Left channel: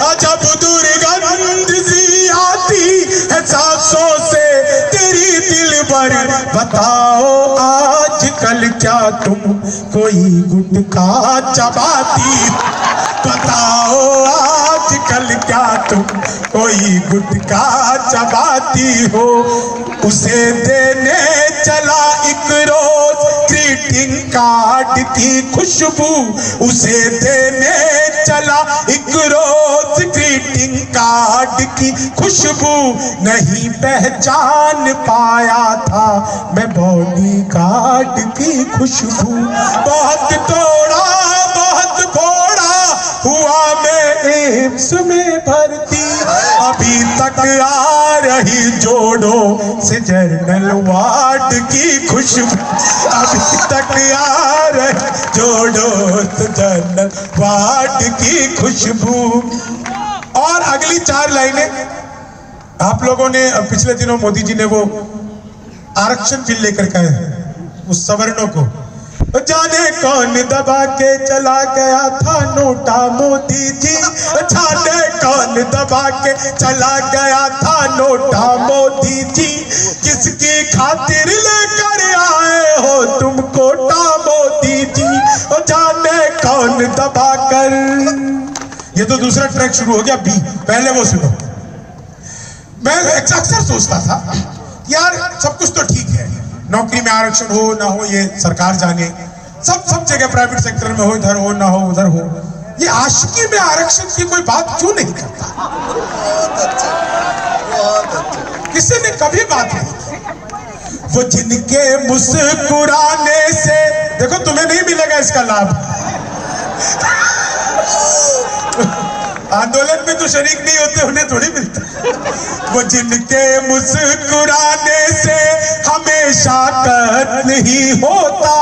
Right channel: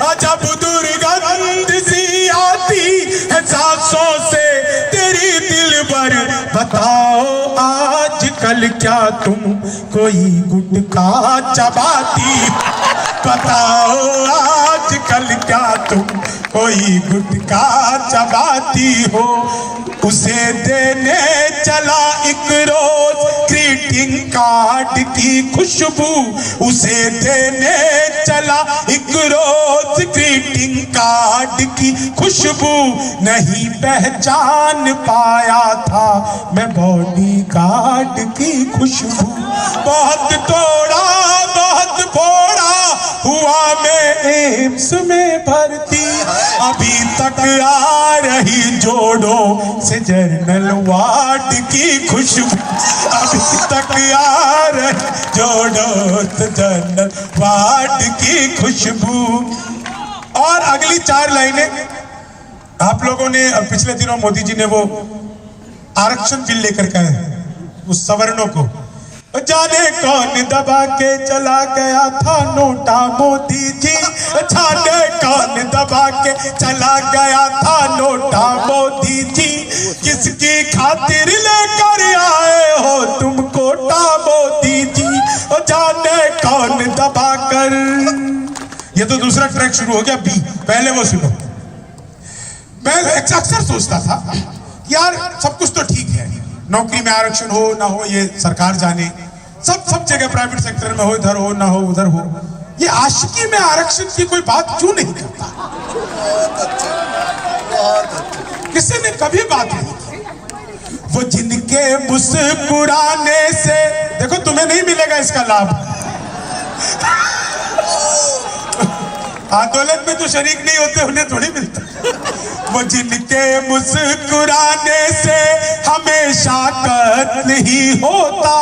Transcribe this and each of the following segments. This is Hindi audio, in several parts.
अजब दुर्गंध सी आती है सांसों से तेरी दिलबर। बताओ आजकल क्या तुम कोई गुटखा चबाती? बताओ आजकल क्या तुम कोई गुटखा चबाती हो? उसे देने चला एक रोज ग्रीटिंग कार्ड की खुशबू, उसे देने चला एक रोज ग्रीटिंग कार्ड की खुशबू। नहीं पहचान पाया था मैं बॉडीगार्ड की खुशबू। बहुत तोड़ा बहुत फोड़ा हुआ मैं एम्स में भर्ती, अभी तक आ रही जोड़ों से जर्नल वार्ड की खुशबू। अभी तक आ रही जोड़ों से जर्नल वार्ड की खुशबू। और अगली 4 लाइनें आप लोगों ने पिछले दिनों मोदी जी ने वो आरक्षण बिल लेकर कहा उस सवर्णों को, जाने कौन दबा के चला गया था नोटा मोदी जी। जाने कौन दबा के चला गया था नोटा मोदी जी। किसकी खातिर लेकर आए हो तुम कोटा मोदी जी? जाने कौन दबा कर। ये तो दूसरा ट्रैक शुरू हो गया बी, पहले वो सुनो। मैं अक्सर सोचता था यार सब कुछ तो ठीक है, नौकरी में आरक्षण हो ना हो ये सरकार जाने, सब जगह प्राइवेट सेक्टर में हो, इधर हो ना हो उधर हो, ये आशिकी में आरक्षण की कोई बात क्यों नहीं करता? बहुत अच्छा, बहुत अच्छा। किसी ने कभी बात नहीं की। वो जिनके मुस्कुराने से, देखो तुम्हें नहीं मिलेगा इसका लाभ, आंदोलन में जो शरीक नहीं होते उन्हें थोड़ी मिलता। वो जिनके मुस्कुराने से हमेशा कत्ल ही होता,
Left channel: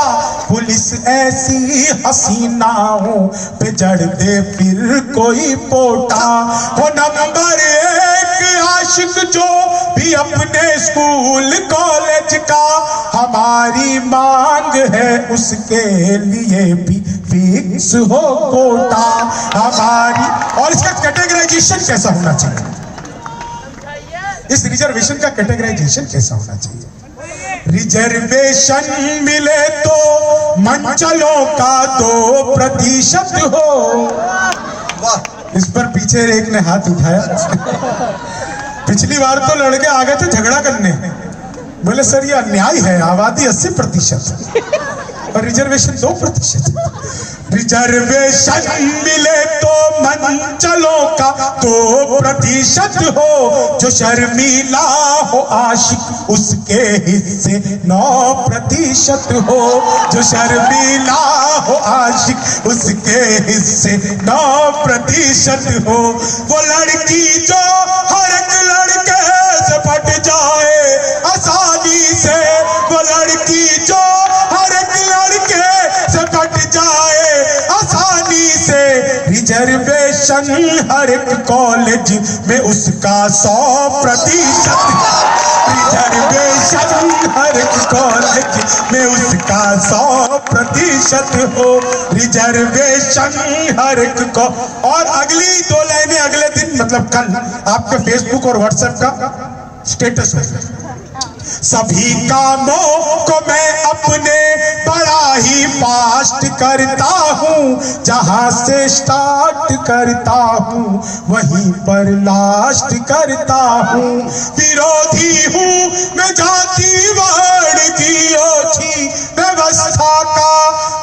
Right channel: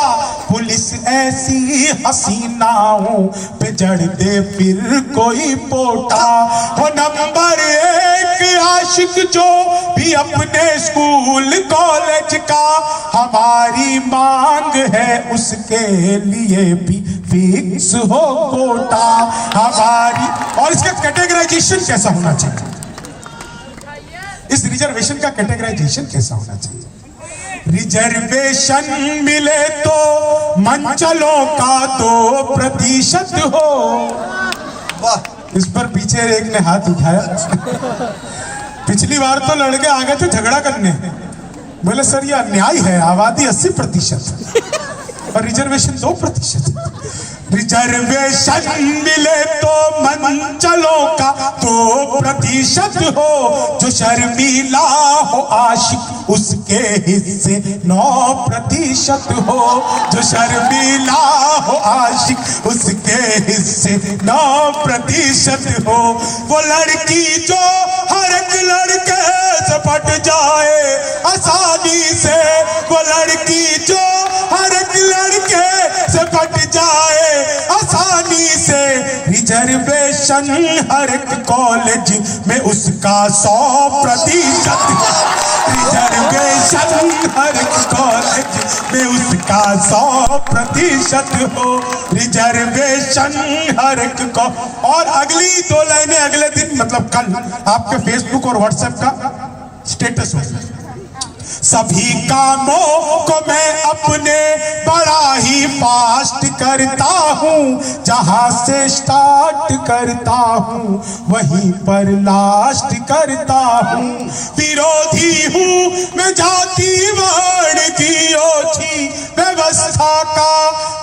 पुलिस ऐसी हसीनाओं पे जड़ दे फिर कोई पोटा। हो नंबर 1 आशिक जो भी अपने स्कूल कॉलेज का, हमारी मांग है उसके लिए भी फिक्स हो कोटा हमारी। और इसका कैटेगराइजेशन कैसा होना चाहिए? इस रिजर्वेशन का कैटेगराइजेशन कैसा होना चाहिए? रिजर्वेशन मिले तो मंचलों का 2% हो। वाह, इस पर पीछे एक ने हाथ उठाया। पिछली बार तो लड़के आ गए थे झगड़ा करने, बोले सर ये अन्याय है, आबादी 80% और रिजर्वेशन 2%। रिजर्वेशन मिले तो मंचलों का 2% हो, जो शर्मीला हो आशिक उसके हिस्से 9% हो। जो शर्मीला हो आशिक उसके हिस्से 9% हो। वो लड़की जो हर एक लड़के से पट जाए आसानी से, वो लड़की जो हर एक लड़के से पट जाए आसानी से। रिजर्वेशन हर एक कॉलेज में उसका 100%। रिजर्वेशन हर एक कॉलेज में उसका 100% हो। रिजर्वेशन हर एक को। और अगली 2 लाइनें अगले दिन मतलब कल आपके फेसबुक और व्हाट्सएप का स्टेटस होगा। सभी कामों को मैं अपने बड़ा ही फास्ट करता हूँ, जहाँ से स्टार्ट करता हूँ वहीं पर लास्ट करता हूँ। विरोधी हूँ मैं जातिवाद की ओछी व्यवस्था का,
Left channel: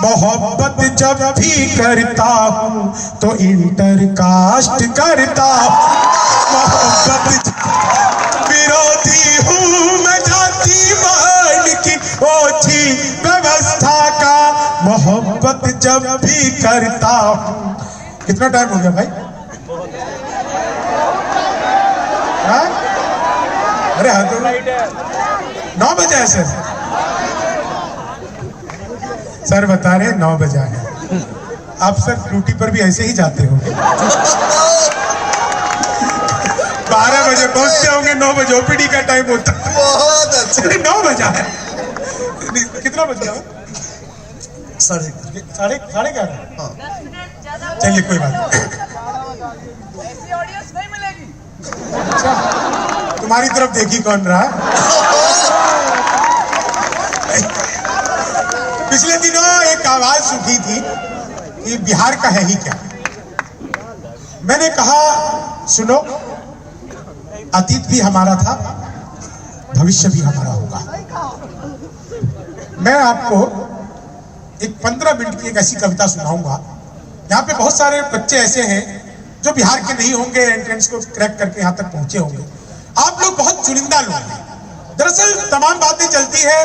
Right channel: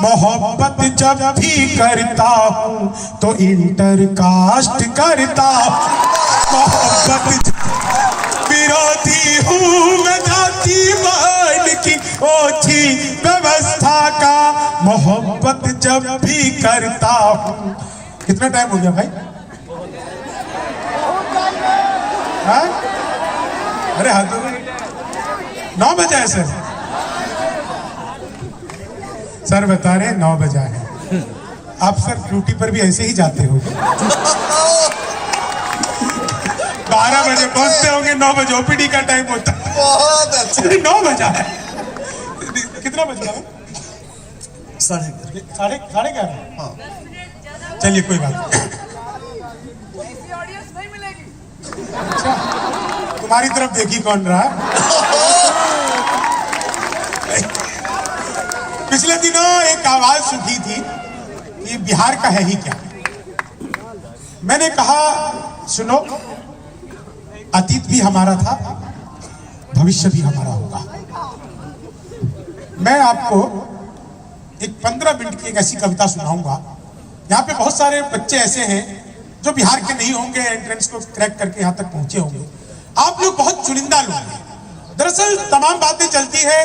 मोहब्बत जब भी करता हूँ तो इंटर कास्ट करता हूँ। मोहब्बत विरोधी हूँ मैं जातिवाद की ओछी व्यवस्था का, मोहब्बत जब भी करता हूँ। कितना टाइम हो गया भाई? हाँ? अरे हाँ 9 बजा है सर। सर बता रहे 9 बजा है। आप सर ड्यूटी पर भी ऐसे ही जाते होंगे। 12 बजे पहुंचते होंगे, 9 बजे ओपीडी का टाइम होता है। बहुत अच्छा। 9 बजा है। कितना बज गया? 11:30। 11:30। हाँ चलिए कोई बात नहीं। तुम्हारी तरफ देखी कौन रहा है? पिछले दिनों एक आवाज सुखी थी कि बिहार का है ही क्या। मैंने कहा सुनो, अतीत भी हमारा था, भविष्य भी हमारा होगा। मैं आपको एक 15 मिनट की एक ऐसी कविता सुनाऊंगा। यहाँ पे बहुत सारे बच्चे ऐसे हैं जो बिहार के नहीं होंगे, एंट्रेंस को क्रैक करके यहाँ तक पहुंचे होंगे। आप लोग बहुत चुनिंदा लोग हैं। दरअसल तमाम बातें चलती है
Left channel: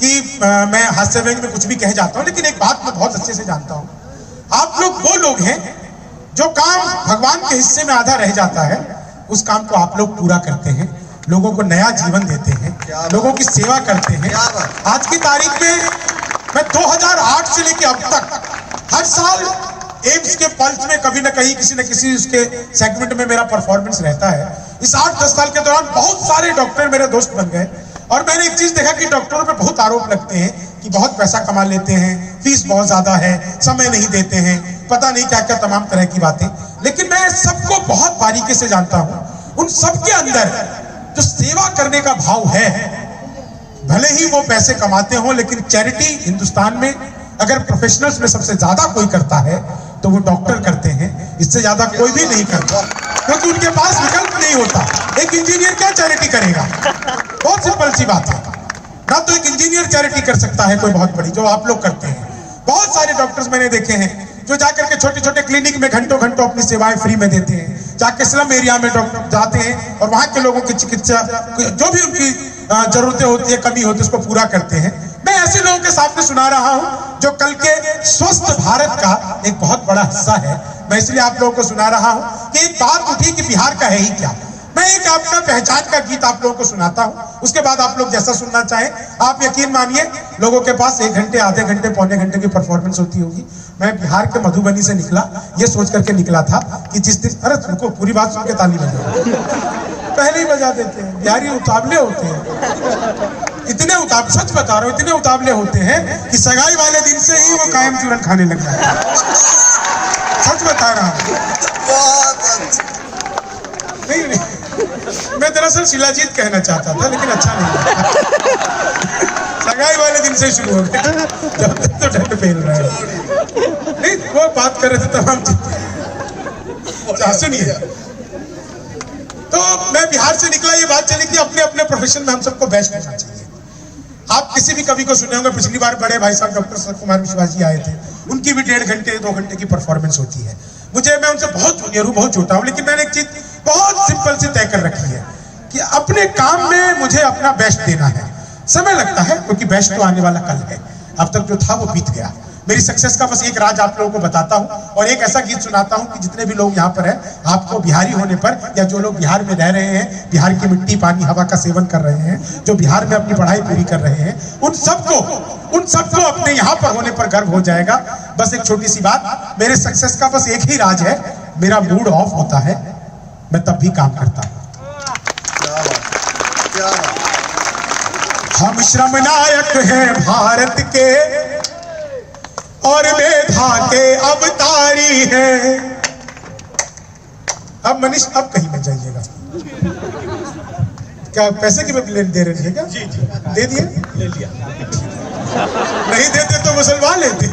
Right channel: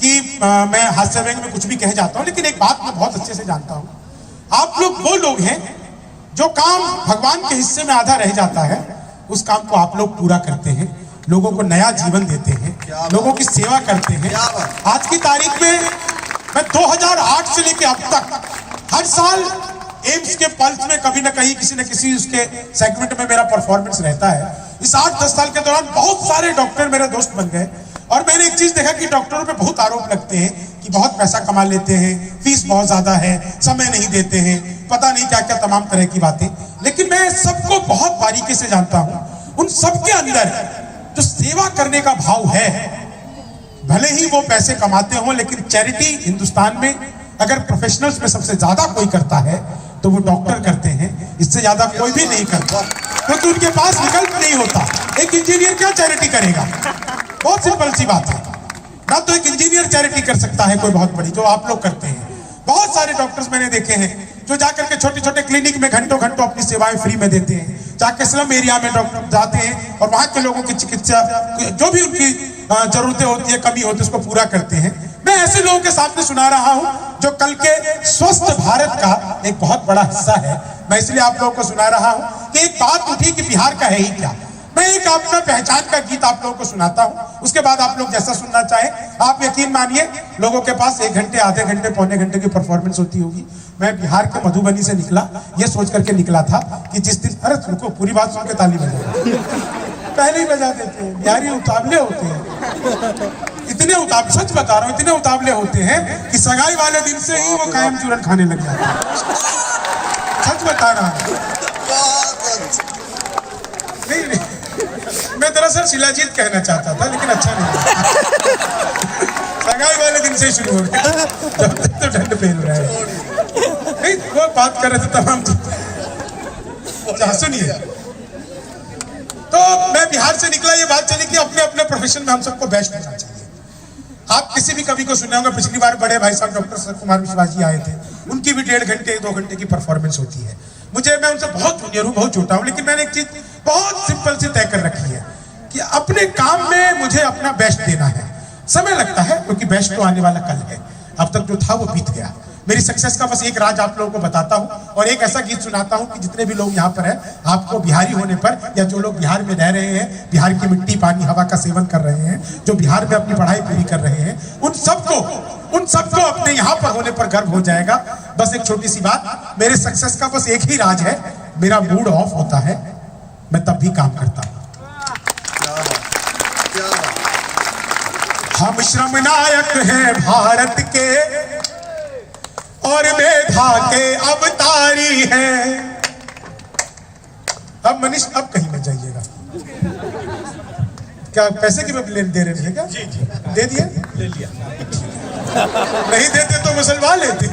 कि मैं हास्य व्यंग में कुछ भी कह जाता हूँ, लेकिन एक बात मैं बहुत अच्छे से जानता हूँ। आप लोग वो लोग हैं जो काम भगवान के हिस्से में आधा रह जाता है, उस काम को आप लोग पूरा करते हैं, लोगों को नया जीवन देते हैं, लोगों की सेवा करते हैं। आज की तारीख में मैं 2008 से लेकर अब तक हर साल एम्स के पल्स में कभी ना कहीं किसी न किसी उसके सेगमेंट में मेरा परफॉर्मेंस रहता है। इस 8-10 साल के दौरान बहुत सारे डॉक्टर मेरे दोस्त बन गए और मैंने एक चीज देखा कि डॉक्टरों पे बहुत आरोप लगते हैं कि बहुत पैसा कमा लेते हैं, फीस बहुत ज्यादा है, समय नहीं देते हैं, पता नहीं क्या क्या तमाम तरह की बातें। लेकिन मैं सबको बहुत बारीकी से जानता हूं। उन सबके अंदर जो सेवा करने का भाव है, भले ही वो पैसे कमाते हो, लेकिन चैरिटी हिंदुस्तान में अगर प्रोफेशनल्स में सबसे ज्यादा कोई करता है तो वो डॉक्टर करते हैं। इससे ज्यादा कोई भी नहीं करता, क्योंकि उनके पास विकल्प नहीं होता। एक इंजीनियर क्या चैरिटी करेगा? बहुत सिंपल सी बात है ना। तो एक इंजीनियर चैरिटी कर सकता है कोई बहुत बड़ी, जो आप लोग करते हैं। बहुत सारे डॉक्टर्स मैंने देखे हैं जो जाकर के छोटे छोटे क्लिनिक में घंटों घंटों अपनी सेवाएं फ्री में देते हैं। जाके स्लम एरिया में डॉक्टर जाते हैं और वहां के लोगों की चिकित्सा, जो भी उनकी जरूरतें होती है, कमी होती है, उसको पूरा करते हैं। मैं ऐसे लोगों के सामने सुना रहा हूं जो कल के स्वस्थ भारत का एक बहुत बड़ा हिस्सा है। मैं इसलिए आप लोगों को सुना रहा हूं कि एक बात उठी कि बिहार का है ही क्या। मैं एक आपका पहचान का गीत आप लोगों को सुनाता हूं, उसके बाद आप लोग जैसा सुनना चाहें। आप यकीन मानिए, लोगों के पास 1 घंटे, आधे घंटे, पौने घंटे की परफॉर्मेंस होती होगी। मैं बिहार के मधुबनी से निकला, ये सोच करके निकला था कि जिस दिन, अरे तुमको पूरी बात सुन के ताली बजा, पहले ही बजा देते हैं। बिहारी उतावले होते हैं, इतने उतावले, सच बता रहा हूँ, इतने उतावले होते हैं कि सगाई वाले दिन से ही वो कायम चूरन खाने लग जाते हैं। सच बता रहा हूँ। नहीं, मैं दरअसल शिलाजीत कहना चाहता था, लेकिन अच्छा नहीं। सगाई वाले दिन से ही शुरू हो गया, जब तक तो ढंड पहन रहे हैं। नहीं, वो बात कर रहे थे तमाम। सुनिए, तो मैं बिहार से निकला, ये बात चली कि अपने अपने प्रोफेशन में हम सबको बेस्ट होना चाहिए। आप किसी भी कवि को सुने होंगे, पिछली बार बड़े भाई साहब डॉक्टर सत्यकुमार विश्वास जी आए थे, उनकी भी 1.5 घंटे 2 घंटे की परफॉर्मेंस होती है। मैं उनसे बहुत जूनियर हूँ, बहुत छोटा हूँ, लेकिन मैंने एक चीज बहुत सिंपल सी तय कर रखी है कि अपने काम में मुझे अपना बेस्ट देना है। समय लगता है क्योंकि बेस्ट तो आने वाला कल है, अब तक जो था वो बीत गया। मेरी सक्सेस का बस एक राज आप लोगों को बताता हूं और एक ऐसा गीत सुनाता हूं कि जितने भी लोग यहाँ पर हैं, आपको बिहारी होने पर, या जो लोग बिहार में रह रहे हैं, बिहार की मिट्टी, पानी, हवा का सेवन कर रहे हैं, जो बिहार में अपनी पढ़ाई पूरी कर रहे हैं, उन सबको अपने यहाँ पर होने पर गर्व हो जाएगा। बस एक छोटी सी बात, मेरे सक्सेस का बस एक ही राज है, मेरा मूड ऑफ होता है, मैं तब भी काम करता हूं। हम श्रम नायक हैं भारत के और मेधा के अवतारी हैं। अब मनीष, अब कहीं मत जाइएगा। क्या पैसे की लेन दे रहे थे क्या? जी, दे दिए? ले लिया। नहीं देते तो मुसलमान लेते,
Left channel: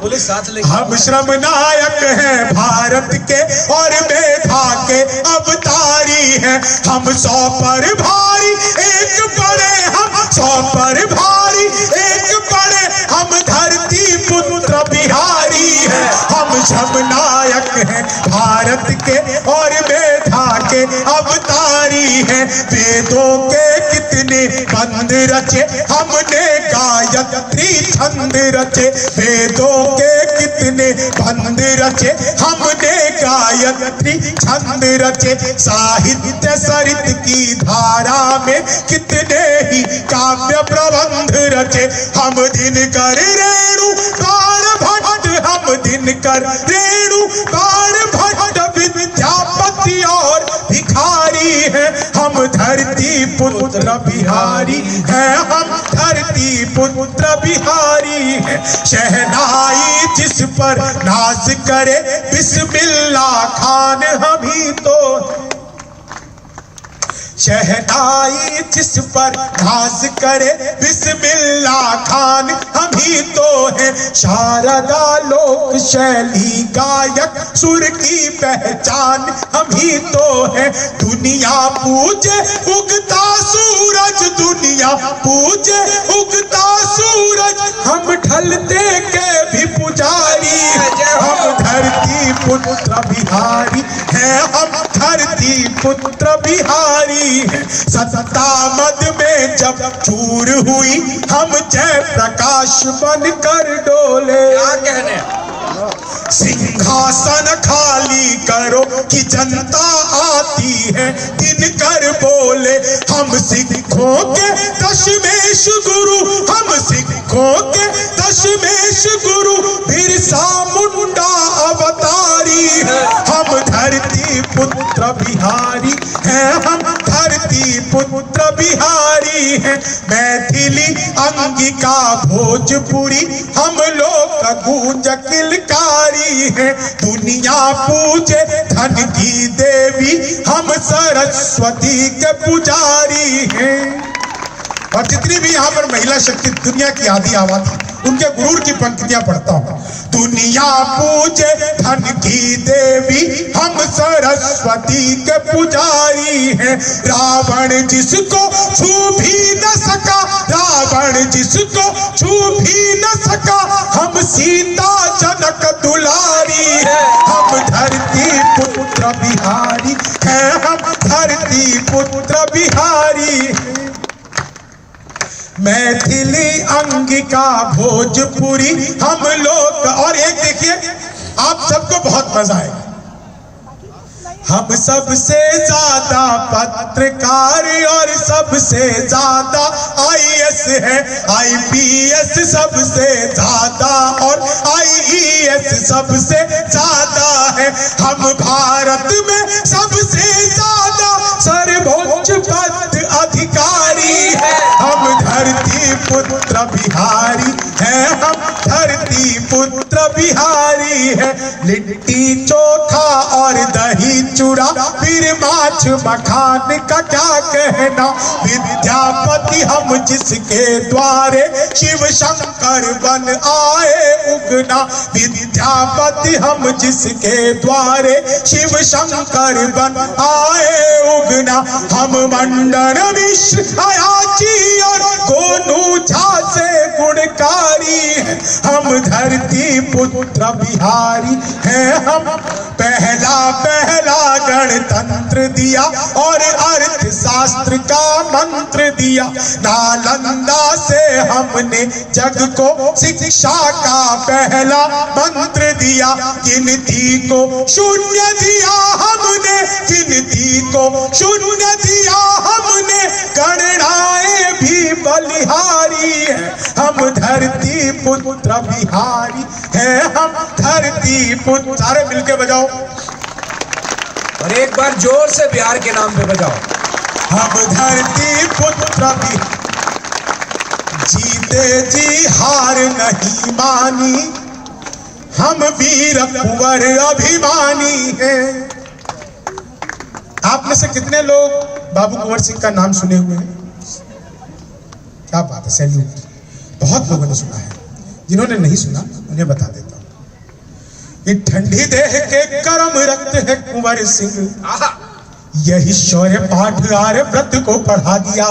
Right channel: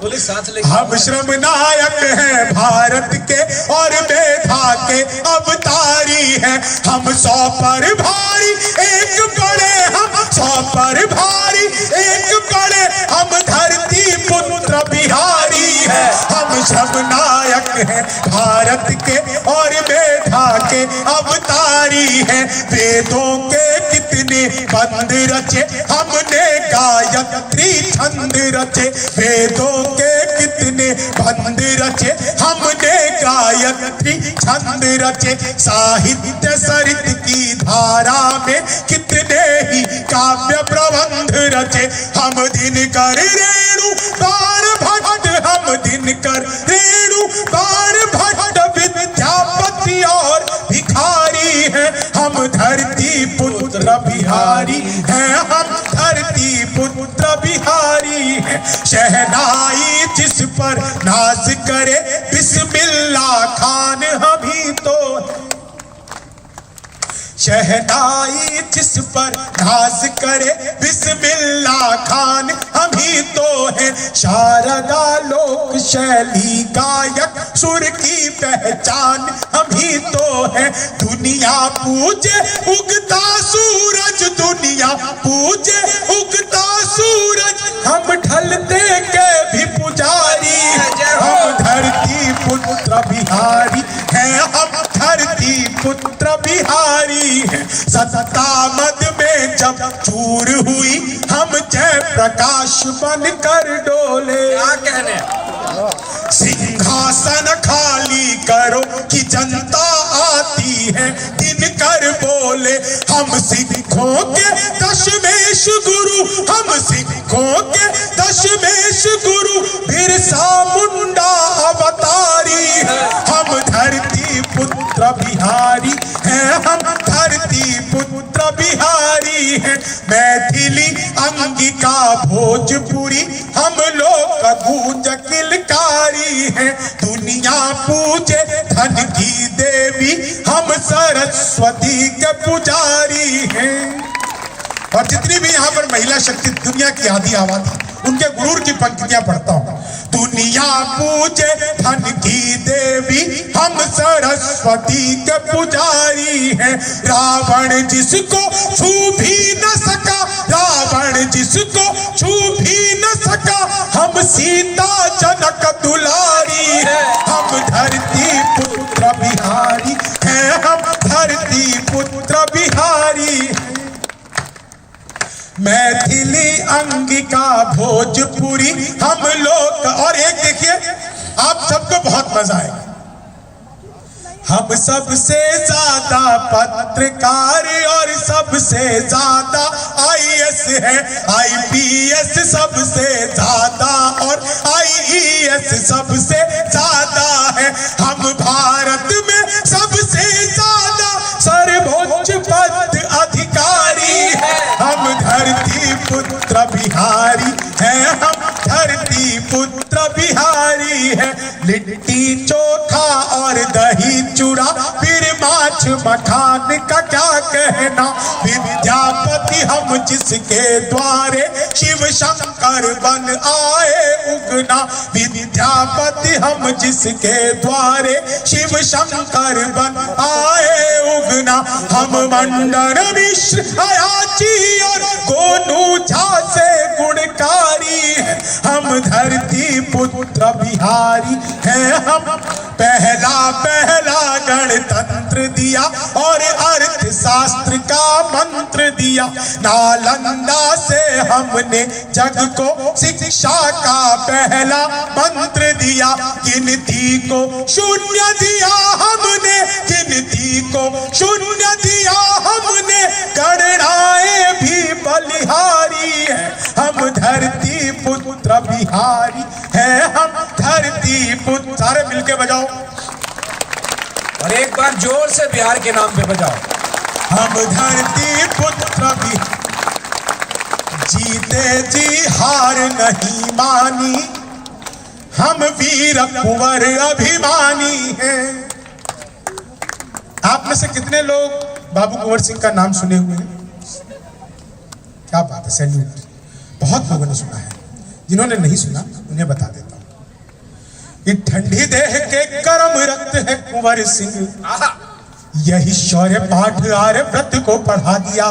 बोले साथ ले। हम श्रम नायक हैं भारत के और मेधा के अवतारी हैं। हम 100 पर भारी एक बड़े, हम 100 पर भारी एक बड़े, हम धरती पुत्र बिहारी है। हम श्रम नायक हैं भारत के और मेधा के अवतारी हैं। वेदों के कितने बंद रचे, हमने गायत्री छंद रचे। वेदों के कितने बंद रचे, हमने गायत्री छंद रचे। साहित्य सरित की धारा में कितने ही काव्य प्रबंध रचे। हम दिनकर रेणु बाण भट्ट, हम दिनकर रेणु बाण भट्ट विद्यापति और भिखारी हैं। हम धरती पुत्र बिहारी हैं, हम धरती पुत्र बिहारी हैं। शहनाई जिस पर नाज करे बिस्मिल्लाह खान हम ही तो। शहनाई जिस पर नाज करे बिस्मिल्लाह खान, हम ही तो है शारदा लोक शैली गायक, सुर की पहचान हम ही तो है। दुनिया पूजे उगता सूरज, दुनिया पूजे उगता सूरज, हम ढलते के भी पुजारी, हम धरती पुत्र बिहारी हैं, हम धरती पुत्र बिहारी हैं। सत्ता मद में जब चूर हुई, हम जय प्रकाश बन कर डोले। क्या कहने, सिंहासन खाली करो कि जनता आती है, दिन कर बोले हम सिखों के दशमेश गुरु, हम सिखों के दशमेश गुरु, बिरसा मुंडा अवतारी, हम धरती पुत्र बिहारी हैं, हम धरती पुत्र बिहारी हैं। मैथिली अंगिका भोजपुरी, हम लोग का गूंज किलकारी है। दुनिया पूजे धन की देवी, हम सरस्वती के पुजारी हैं। और जितनी भी यहाँ पर महिला शक्ति दुनिया की आधी आबादी, उनके गुरूर की पंक्तियां पढ़ता हूँ। दुनिया पूजे धन की देवी, हम सरस्वती के पुजारी हैं। रावण जिसको छू भी न सका, रावण जिसको छू भी न सका, हम सीता जनक दुलारी है, हम धरती पुत्र बिहारी हैं, हम धरती पुत्र बिहारी। मैथिली अंगिका भोजपुरी, हम लोग। और एक देखिए, आप सबको बहुत मजा आएगा। हम सबसे ज्यादा पत्रकार और सबसे ज्यादा IAS है, IPS सबसे ज्यादा और IES सबसे ज्यादा है। हम भारत में सबसे ज्यादा सर्वोच्च पद अधिकारी है, हम धरती पुत्र बिहारी हैं, हम धरती पुत्र बिहारी हैं। लिट्टी चोखा और दही चूड़ा, फिर माछ मखान का क्या कहना, विद्यापति हम जिसके द्वारे, शिव शंकर बन आए उगना, विद्यापति हम जिसके द्वारे, शिव शंकर बन आए उगना। हम मंडन मिश्र अयाची और गोनू झा से गुणकारी हैं, हम धरती पुत्र बिहारी हैं, हम पहला गणतंत्र दिया और अर्थशास्त्र का मंत्र दिया। नालंदा से हमने जग को शिक्षा का पहला मंत्र दिया। गिनती को शून्य दिया हमने, गिनती को शून्य दिया हमने, गणनाएं भी बलिहारी है, हम धरती पुत्र बिहारी है, हम धरती पुत्र। सारे मिलके बजाओ और एक बार जोर से बिहार के नाम पे बजाओ। हम धरती पुत्र बिहारी, जीते जी हार नहीं मानी, हम वीर कुंवर अभिमानी हैं। आप में से कितने लोग बाबू कुंवर सिंह का नाम सुने हुए हैं? क्या बात है, सैल्यूट। बहुत लोगों ने सुना है, जिन्होंने नहीं सुना उन्हें बता देता हूं कि ठंडी देह के कर्म रक्त है कुंवर सिंह, यही शौर्य पाठ आर्य व्रत को पढ़ा दिया।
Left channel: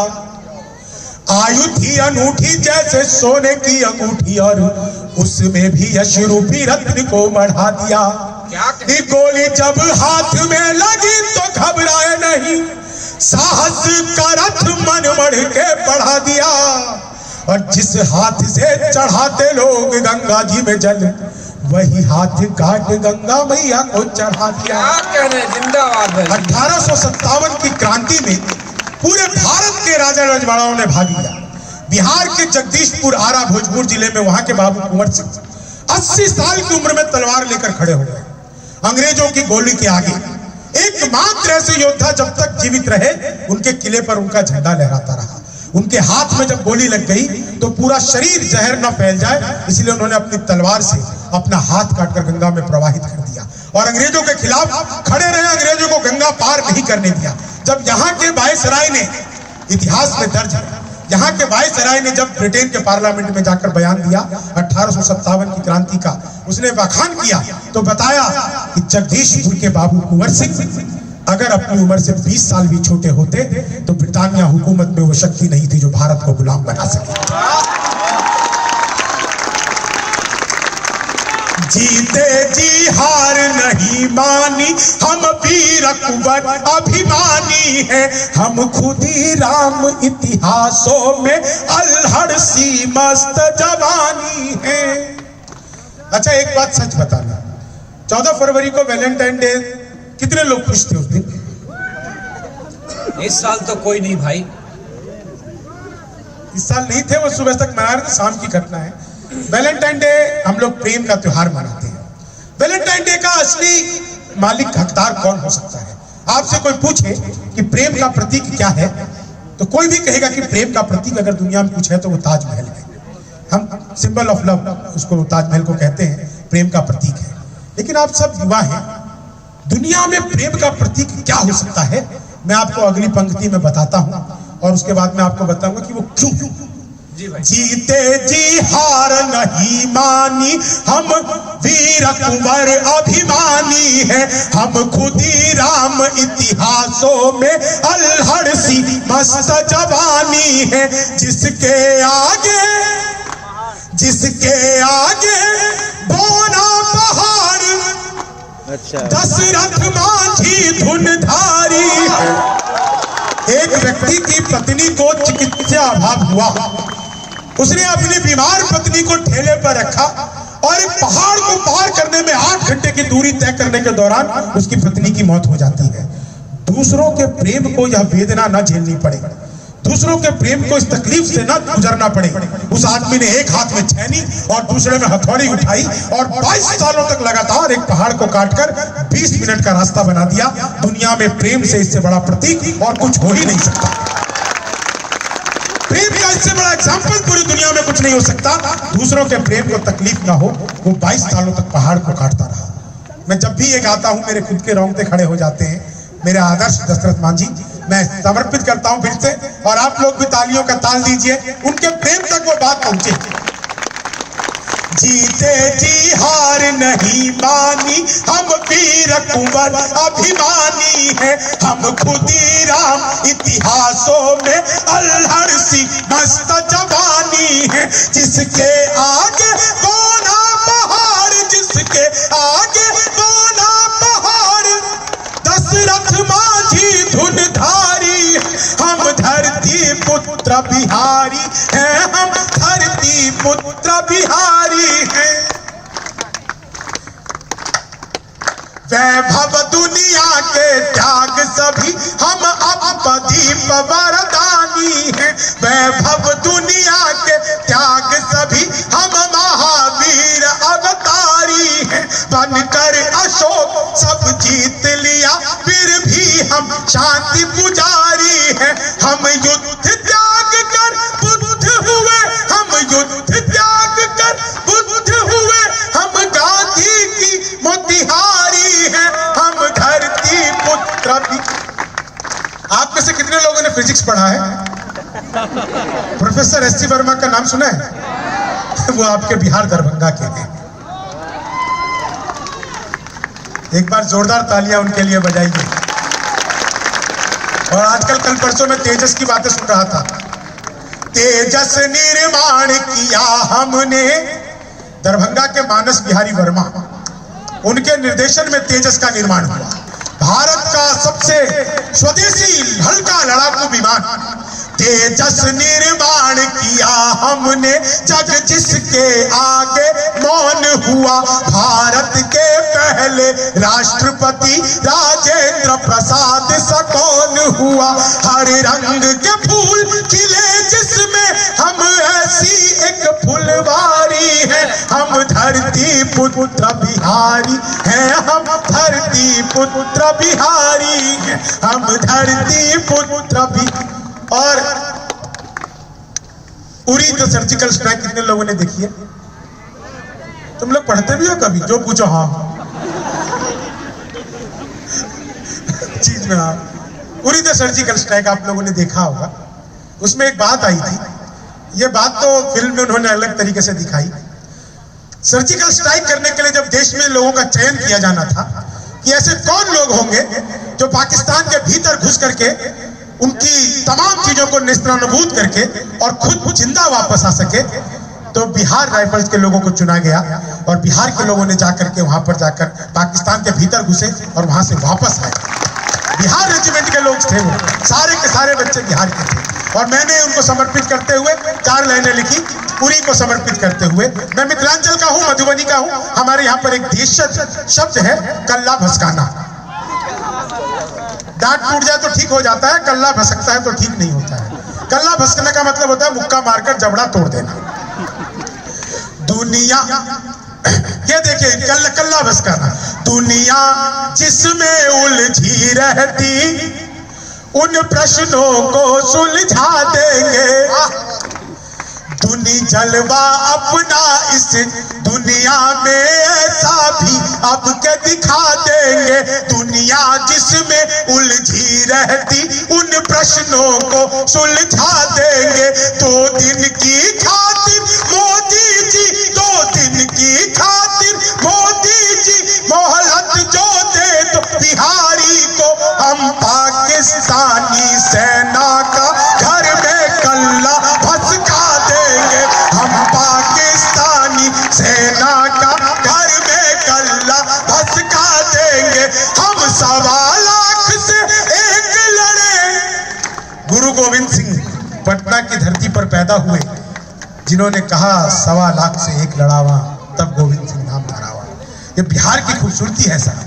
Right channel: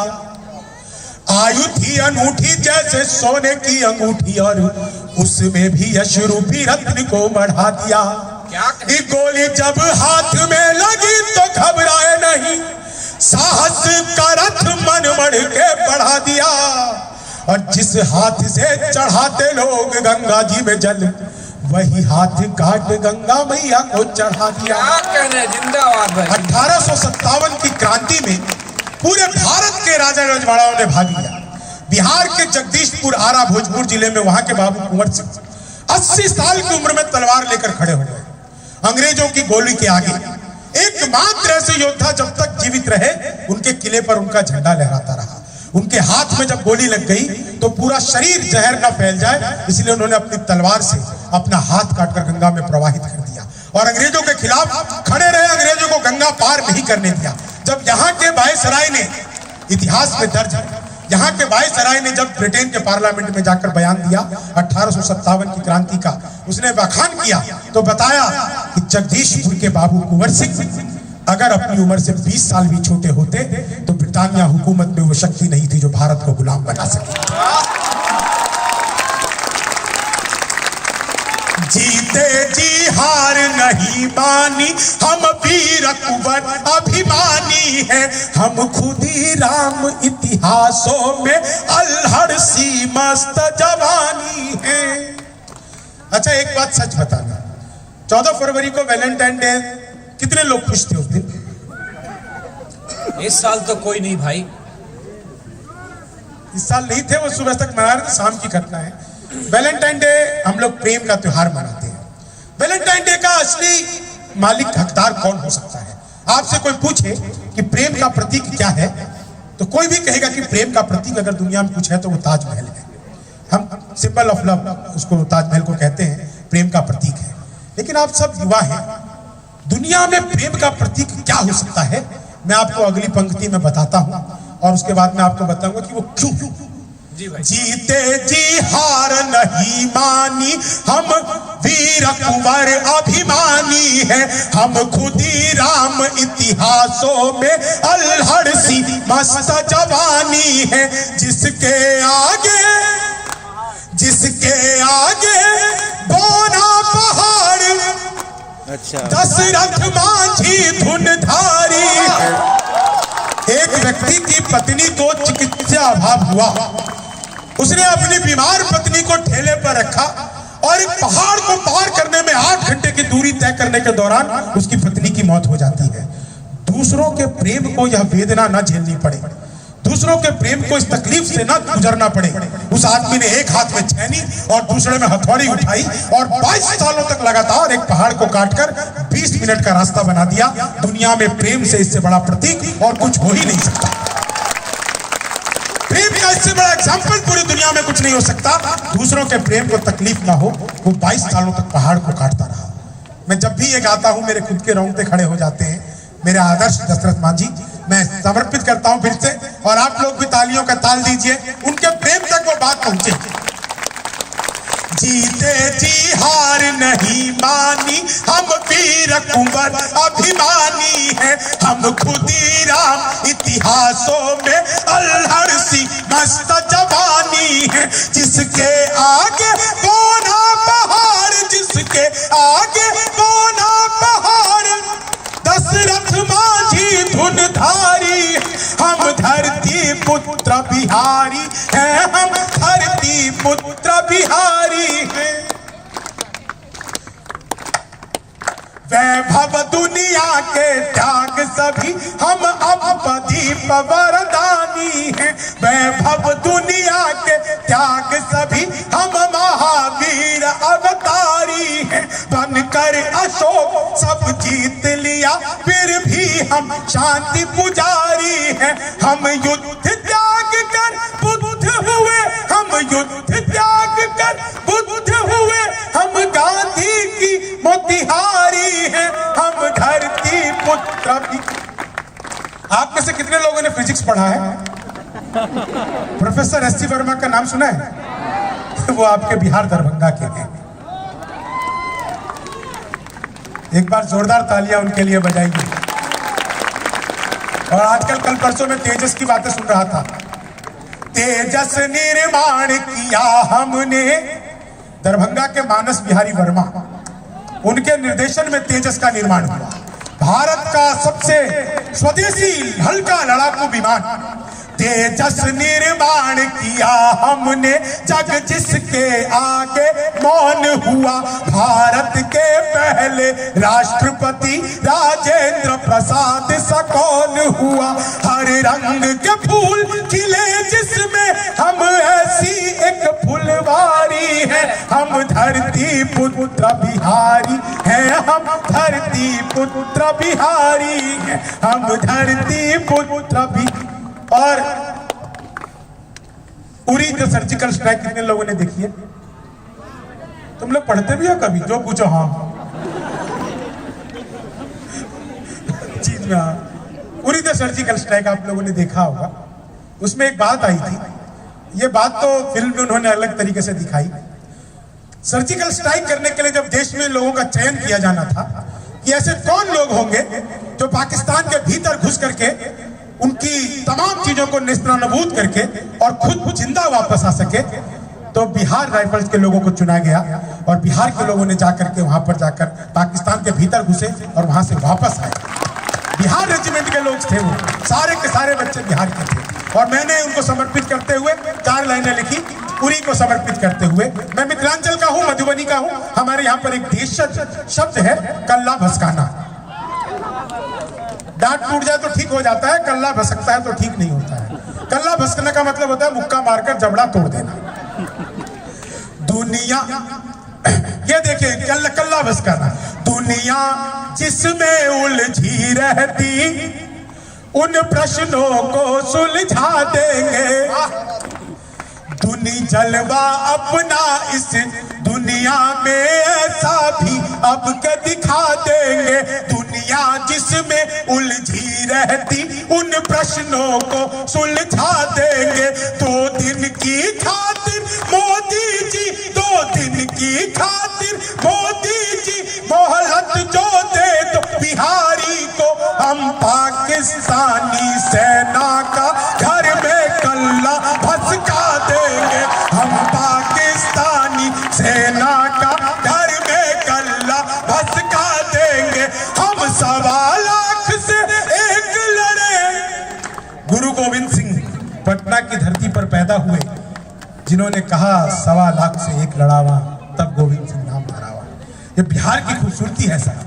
आयु थी अनूठी जैसे सोने की अंगूठी, और उसमें भी यश रूपी रत्न को बढ़ा दिया। ये गोली जब हाथ में लगी तो घबराए नहीं, साहस का रथ मन बढ़ के बढ़ा दिया। और जिस हाथ से चढ़ाते लोग गंगा जी में जल, वही हाथ काट गंगा मैया को चढ़ा दिया। जिंदाबाद। 1857 की क्रांति में पूरे भारत के राजा रजवाड़ाओं ने भाग लिया। बिहार के जगदीशपुर, आरा, भोजपुर जिले में वहां के बाबू कुंवर सिंह 80 साल की उम्र में तलवार लेकर खड़े हो गए अंग्रेजों की गोली के आगे। एकमात्र ऐसे योद्धा जब तक जीवित रहे, उनके किले पर उनका झंडा लहराता रहा। उनके हाथ में जब गोली लग गई तो पूरा शरीर जहर न फैल जाए, इसलिए उन्होंने अपनी तलवार से अपना हाथ काटकर गंगा में प्रवाहित कर दिया और अंग्रेजों के खिलाफ खड़े रहे। अंग्रेजों को गंगा पार नहीं करने दिया। जब यहाँ के वायसराय ने, इतिहास में दर्ज है, यहाँ के वायसराय ने जब ब्रिटेन के पार्लियामेंट में जाकर बयान दिया 1857 की क्रांति का, उसने बखान किया तो बताया कि जगदीशपुर के बाबू कुंवर सिंह अगर अपनी उम्र से 20 साल भी छोटे होते तो ब्रिटानिया हुकूमत में वो शक्ति नहीं थी जो भारत को गुलाम बना सके। जीते जी हार नहीं मानी, हम वीर कुंवर अभिमानी हैं, हम खुद ही राम इतिहासों में अल्हड़ सी मस्त जवानी हैं। अच्छा एक बात सच बताना, 14 फरवरी को वैलेंटाइन डे कितने लोग खुश थे उस दिन? इस साल तो कोई नहीं भाई। इस साल नहीं थे, वो सुबह तक मना रहे थे, शाम की घटना है। वैलेंटाइन डे हम लोग प्रेम का त्योहार मनाते हैं। वैलेंटाइन डे का असली मालिक हकदार कौन हो सकता है? आपसे कोई पूछे कि प्रेम का प्रतीक क्या है, तो कोई भी कहेगा कि प्रेम का प्रतीक अगर दुनिया में कुछ है तो वो ताजमहल है। हम सिंबल ऑफ लव उसको ताजमहल को कहते हैं, प्रेम का प्रतीक है। लेकिन आप सब युवा हैं, दुनिया में प्रेम का प्रतीक क्या हो सकता है? मैं आपको अगली पंक्ति में बताता हूं और उसके बाद मैं आपको बताऊंगा कि वो क्यों। जीते जी हार नहीं मानी, हम वीर कुंवर अभिमानी हैं, हम खुद ही राम इतिहासों में अल्हड़ सी मस्त जवानी है। जिसके आगे बोना पहाड़, अच्छा दशरथ मांझी धुनधारी। एक व्यक्ति की पत्नी को चिकित्सा अभाव हुआ, उसने अपनी बीमार पत्नी को ठेले पर रखा और एक पहाड़ को पार करने में 8 घंटे की दूरी तय करने के दौरान उसकी पत्नी की मौत हो जाती है। दूसरों के प्रेम को यह वेदना न झेलनी पड़े, दूसरों के प्रेम को इस तकलीफ से न गुजरना पड़े, उस आदमी ने एक हाथ में छेनी और दूसरे में हथौड़ी उठाई और 22 सालों तक लगातार एक पहाड़ को काटकर 20 मिनट का रास्ता बना दिया। दुनिया में प्रेम से इससे बड़ा प्रतीक और कुछ हो ही नहीं सकता। प्रेम का इससे बड़ा एग्जाम्पल पूरी दुनिया में कुछ नहीं हो सकता। दूसरों के प्रेम को तकलीफ ना हो, वो 22 सालों तक पहाड़ को काटता रहा। मैं जब भी ये गाता हूं मेरे खुद के रोंगटे खड़े हो जाते हैं। मेरे आदर्श दशरथ मांझी मैं समर्पित करता हूं फिर से, और आप लोग भी तालियों का ताल दीजिए, उनके प्रेम तक वो बात पहुंचे। जीते जी हार नहीं मानी, हम वीर कुंवर अभिमानी हैं, हम खुद ही राम इतिहासों में अल्हड़ सी मस्त जवानी है। जिसके आगे बोना पहाड़, जिसके आगे बोना पहाड़, दशरथ मांझी धुनधारी। हम धरती पुत्र बिहारी हैं, हम धरती पुत्र बिहारी हैं। वैभव दुनिया के त्याग सभी, हम अपदीप वरदानी हैं। वैभव दुनिया के त्याग सभी, हम महावीर अवतारी हैं। बनकर अशोक सब जीत लिया, फिर भी हम शांति पुजारी हैं। हम युद्ध त्याग कर बुद्ध हुए, हम युद्ध त्याग कर बुद्ध हुए, हम गांधी की मोतिहारी हैं, हम धरती पुत्र भी। आप में से कितने लोगों ने फिजिक्स पढ़ा है? Professor SC. वर्मा का नाम सुना है? वो आपके बिहार दरभंगा के हैं। एक बार जोरदार तालियां उनके लिए बजाइए। और आजकल कल परसों में तेजस की बातें सुन रहा था। तेजस निर्माण किया हमने, दरभंगा के मानस बिहारी वर्मा, उनके निर्देशन में तेजस का निर्माण हुआ। भारत का सबसे स्वदेशी हल्का लड़ाकू विमान तेजस निर्माण किया हमने, जग जिसके आगे मौन हुआ। भारत के पहले राष्ट्रपति राजेंद्र प्रसाद सा कौन हुआ। हर रंग के फूल खिले जिसमें, हम ऐसी एक फुलवारी है। हम धरती पुत्र बिहारी हैं, हम धरती पुत्र बिहारी हैं, हम धरती पुत्र भी। और उरी द सर्जिकल स्ट्राइक कितने लोगों ने देखी है? तुम लोग पढ़ते भी हो कभी? जो पूछो हाँ चीज में हाँ। उरी द सर्जिकल स्ट्राइक आप लोगों ने देखा होगा, उसमें एक बात आई थी। ये बात तो फिल्म में उन्होंने अलग तरीके से दिखाई। सर्जिकल स्ट्राइक करने के लिए जब देश में लोगों का चयन किया जाना था कि ऐसे कौन लोग होंगे जो पाकिस्तान के भीतर घुस करके उनकी तमाम चीजों को नेस्तनाबूद करके और खुद जिंदा वापस आ सके, तो बिहार राइफल्स के लोगों को चुना गया और बिहार के लोगों ने जाकर के वहां पर जाकर पाकिस्तान के भीतर घुसे और वहां से वापस आए। बिहार रेजिमेंट के लोग थे, वो सारे के सारे बच्चे बिहार के थे। और मैंने उनको समर्पित करते हुए 4 लाइनें लिखी, उरी को समर्पित करते हुए। मैं मिथिलांचल का हूं, मधुबनी का हूं। हमारे यहाँ पर एक देश शब्द है कल्ला भसकाना। दांत टूट जाए तो ठीक हो जाता है, कल्ला भसकता है तो ठीक नहीं होता है। कल्ला भसकने का मतलब होता है मुक्का मारकर जबड़ा तोड़ देना। दुनिया, ये देखिए कल्ला भसकाना। दुनिया जिसमें उलझी रहती उन प्रश्नों को सुलझा देंगे। दुनी जलवा अपना इस दुनिया में ऐसा भी अब के दिखा देंगे। दुनिया जिसमें उलझी रहती उन प्रश्नों को सुलझा देंगे। 2 दिन की खातिर मोदी जी, 2 दिन की खातिर मोदी जी मोहलत जो दे तो बिहारी को हम पाकिस्तानी सेना का घर में कल्ला भसका देंगे। हम पाकिस्तानी सेना का घर में कल्ला भसका देंगे। हम 1.25 लाख से एक लड़े। गुरु गोविंद सिंह पटना की धरती पर पैदा हुए, जिन्होंने कहा 1.25 लाख से एक लड़ावा, तब गोविंद सिंह नाम धरावा। ये बिहार की खूबसूरती है सर।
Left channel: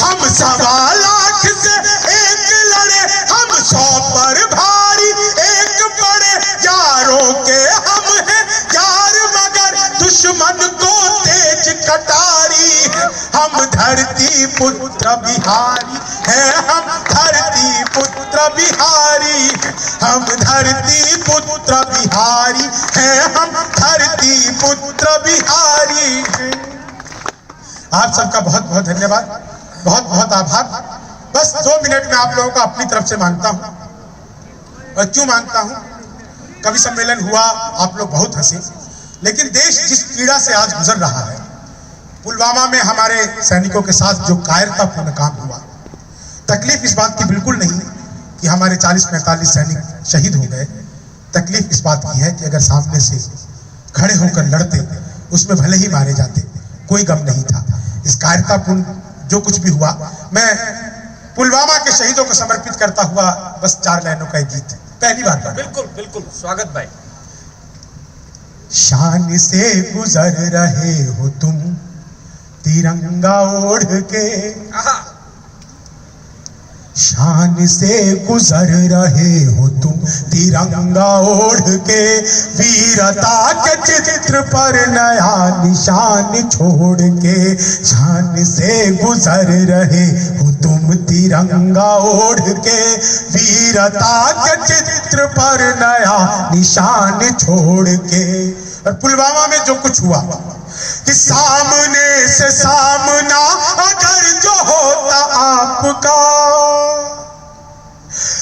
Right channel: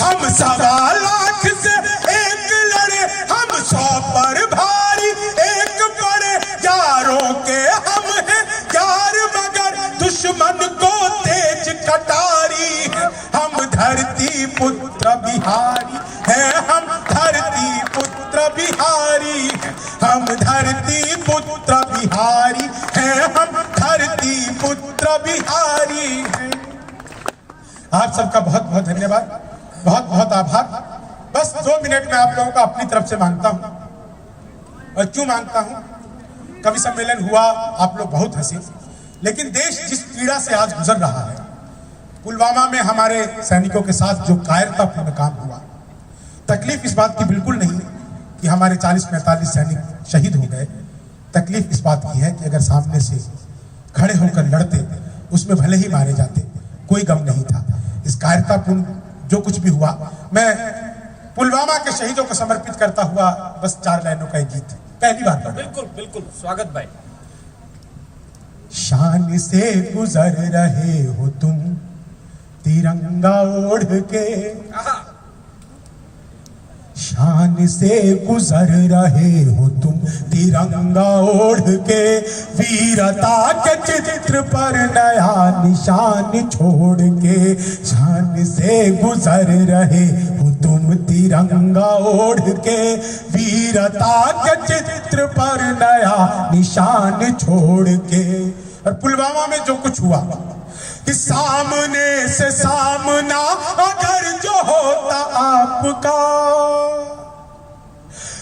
हम 1.25 लाख से एक लड़े, हम 100 पर भारी एक पड़े। यारों के हम हैं यार मगर दुश्मन को तेज कटारी। हम धरती पुत्र बिहारी है, हम धरती पुत्र बिहारी। हम धरती पुत्र बिहारी है, हम धरती पुत्र बिहारी है। आप सबका बहुत बहुत धन्यवाद, बहुत बहुत आभार। बस 2 मिनट में आप लोगों को अपनी तरफ से मांगता हूं। और क्यों मांगता हूं? कवि सम्मेलन हुआ, आप लोग बहुत हंसे, लेकिन देश जिस पीड़ा से आज गुजर रहा है, पुलवामा में हमारे सैनिकों के साथ जो कायरतापूर्ण काम हुआ, तकलीफ इस बात की बिल्कुल नहीं कि हमारे 40-45 सैनिक शहीद हो गए। तकलीफ इस बात की है कि अगर सामने से खड़े होकर लड़ते, उसमें भले ही मारे जाते, कोई गम नहीं था। इस कायरतापूर्ण जो कुछ भी हुआ, मैं पुलवामा के शहीदों को समर्पित करता हुआ बस 4 लाइनों का एक गीत पहली बार। बिल्कुल बिल्कुल, स्वागत भाई। शान से गुजर रहे हो तुम तिरंगा ओढ़ के, शान से गुजर रहे हो तुम तिरंगा ओढ़ के। वीरता के चित्र पर नया निशान छोड़ के, शान से गुजर रहे हो तुम तिरंगा ओढ़ के। वीरता के चित्र पर नया निशान छोड़ के। और पुलवामा में जो कुछ हुआ कि सामने से सामना अगर जो होता आपका,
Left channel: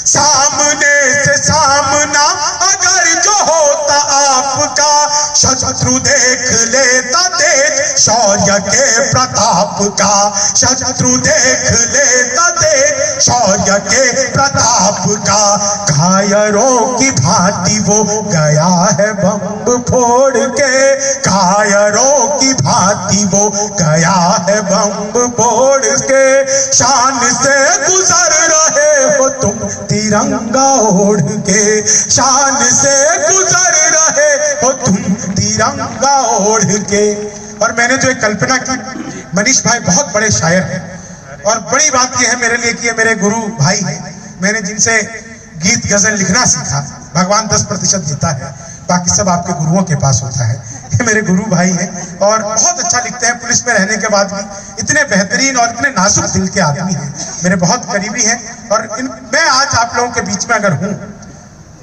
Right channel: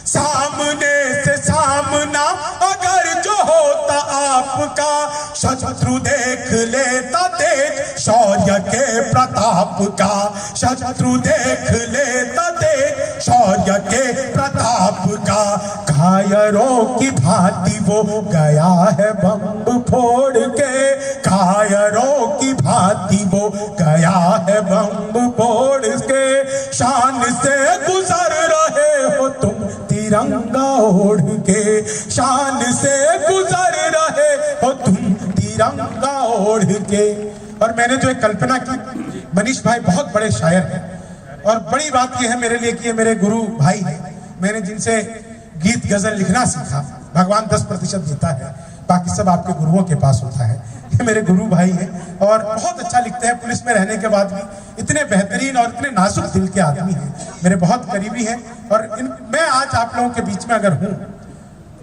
सामने से सामना अगर जो होता आपका, शत्रु देख लेता तेज शौर्य के प्रताप का। शत्रु देख लेता तेज शौर्य के प्रताप का। कायरों की भांति वो गया है बम फोड़ के, कायरों की भांति वो गया है बम फोड़ के। शान से गुजर रहे हो तुम तिरंगा ओढ़ के, शान से गुजर रहे हो तुम तिरंगा ओढ़ के। और मैंने जो एक कल्पना की, मनीष भाई बहुत बड़े शायर हैं और बड़ी बात यह है मेरे लिए कि ये मेरे गुरु भाई हैं। मैंने जिनसे गीत गजल लिखना सीखा, भगवान 10% देता है, बाकी सब आपके गुरुओं के पास होता है। ये मेरे गुरु भाई हैं और बहुत अच्छा लिखते हैं। पुलिस में रहने के बाद भी इतने बेहतरीन और इतने नाजुक दिल के आदमी हैं, मेरे बहुत करीबी हैं। और मैं आज आप लोगों के बीच में अगर हूँ,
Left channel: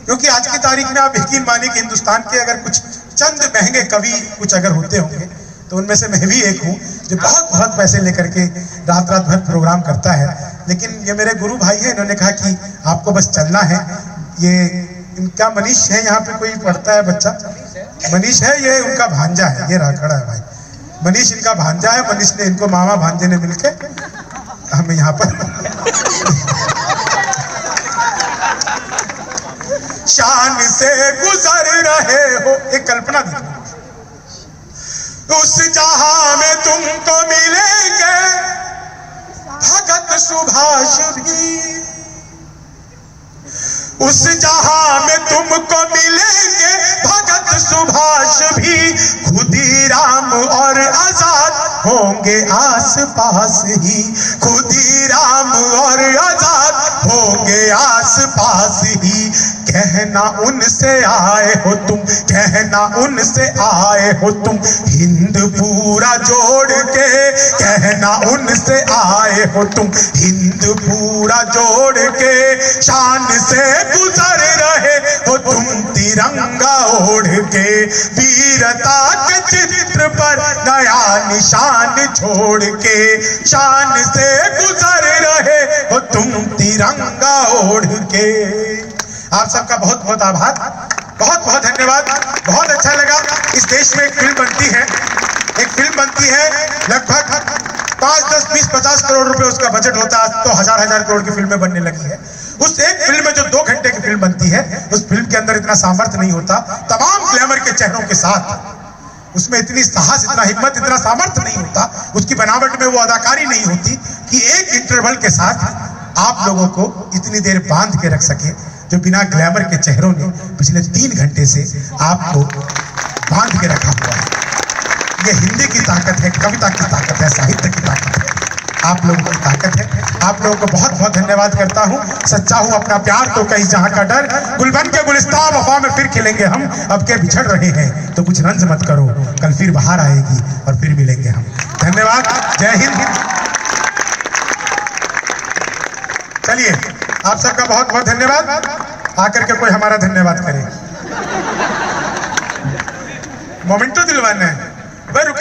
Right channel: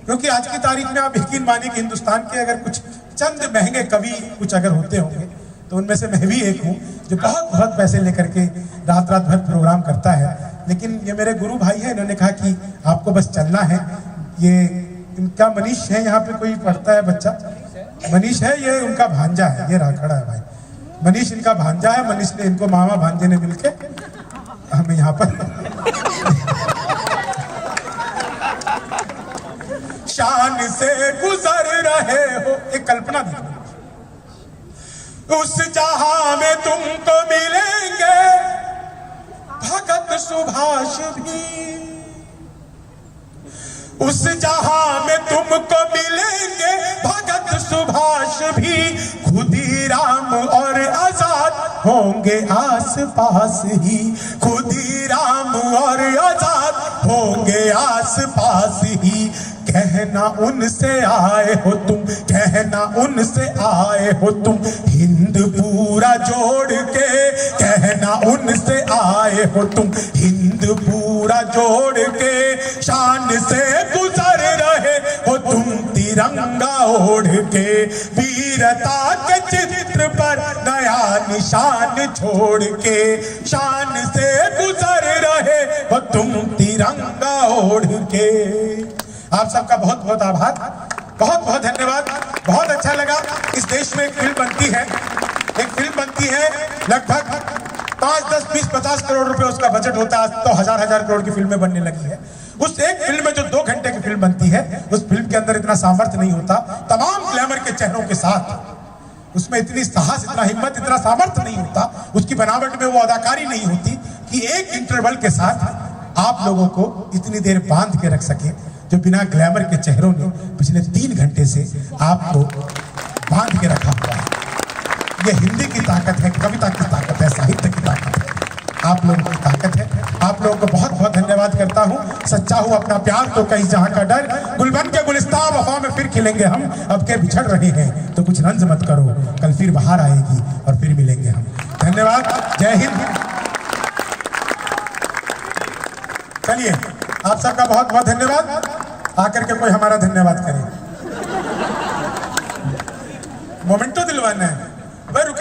क्योंकि आज की तारीख में आप यकीन मानिए कि हिंदुस्तान के अगर कुछ चंद महंगे कवि कुछ अगर होते होंगे तो उनमें से मैं भी एक हूँ जो बहुत बहुत पैसे लेकर के रात रात भर प्रोग्राम करता है। लेकिन ये मेरे गुरु भाई हैं, इन्होंने कहा कि आपको बस चलना है। ये इनका मनीष है, यहाँ पे कोई पढ़ता है बच्चा, मनीष है, ये उनका भांजा है, ये रहा खड़ा है भाई, मनीष इनका भांजा है। मनीष ने इनको मामा भांजे ने मिलके हमें यहाँ पर शान से गुजर रहे हो, एक कल्पना दी, उस जहां में तुमको मिलेंगे भगत सुभाष भी, उस जहां में तुमको मिलेंगे भगत सुभाष भी, खुदीराम और आजाद होंगे आस पास ही, खुदीराम और आजाद होंगे आस पास ही। कहना उनसे आए हो तुम, कहना उनसे आए हो तुम, हिंद पूरा जोड़ के, कहना उनसे आए हो तुम, हिंद पूरा जोड़ के, शान से गुजर रहे हो तुम तिरंगा ओढ़ के, वीरता के चित्र पर नया निशान छोड़ के, शान से गुजर रहे हो तुम तिरंगा ओढ़ के। आप सबका बहुत बहुत आभार, बहुत बहुत धन्यवाद। बहुत अच्छा लगा। इस देश में एक फिल्म बनती है, एक फिल्म बनती है, लगभग 5, 10, 20, 50 करोड़ रुपए उसका बजट होता है, तो हजार करोड़ की फिल्में बनने लगी है। उस एक फिल्म में जो 2 घंटे की फिल्म बनती है, उस फिल्म के अंदर इतना सामर्थ्य नहीं होता, तमाम ग्लैमर के चेहरों के साथ उसमें इतनी साहस, इतना हिम्मत, इतना सामर्थ्य नहीं होता, उसकी बनावट में वो अदाकारी नहीं होती कि एक इंटरवल के साथ आप लोगों को इतनी देर बांध के रख सके, जो बिना ग्लैमर के चेहरों ने पिछले 3 घंटे से आपको बांध के रखा हुआ है। ये हिंदी की ताकत है, कविता की ताकत है, साहित्य की ताकत है, आप लोगों की ताकत है। आप लोगों को बहुत बहुत धन्यवाद करता हूँ। सच्चा हूँ अपना प्यार तो कहीं जहाँ का डर, गुलबन के गुलिस्तां वफा में फिर खिलेंगे हम, अब के बिछड़ रहे हैं तो कुछ रंज मत करो, कल फिर बाहर आएगी और फिर मिलेंगे हम। धन्यवाद, जय हिंद। चलिए, आप सबका बहुत बहुत धन्यवाद। आकर के कोई हमारा धन्यवाद करे, मोमेंटो दिलवाना है। वह रुके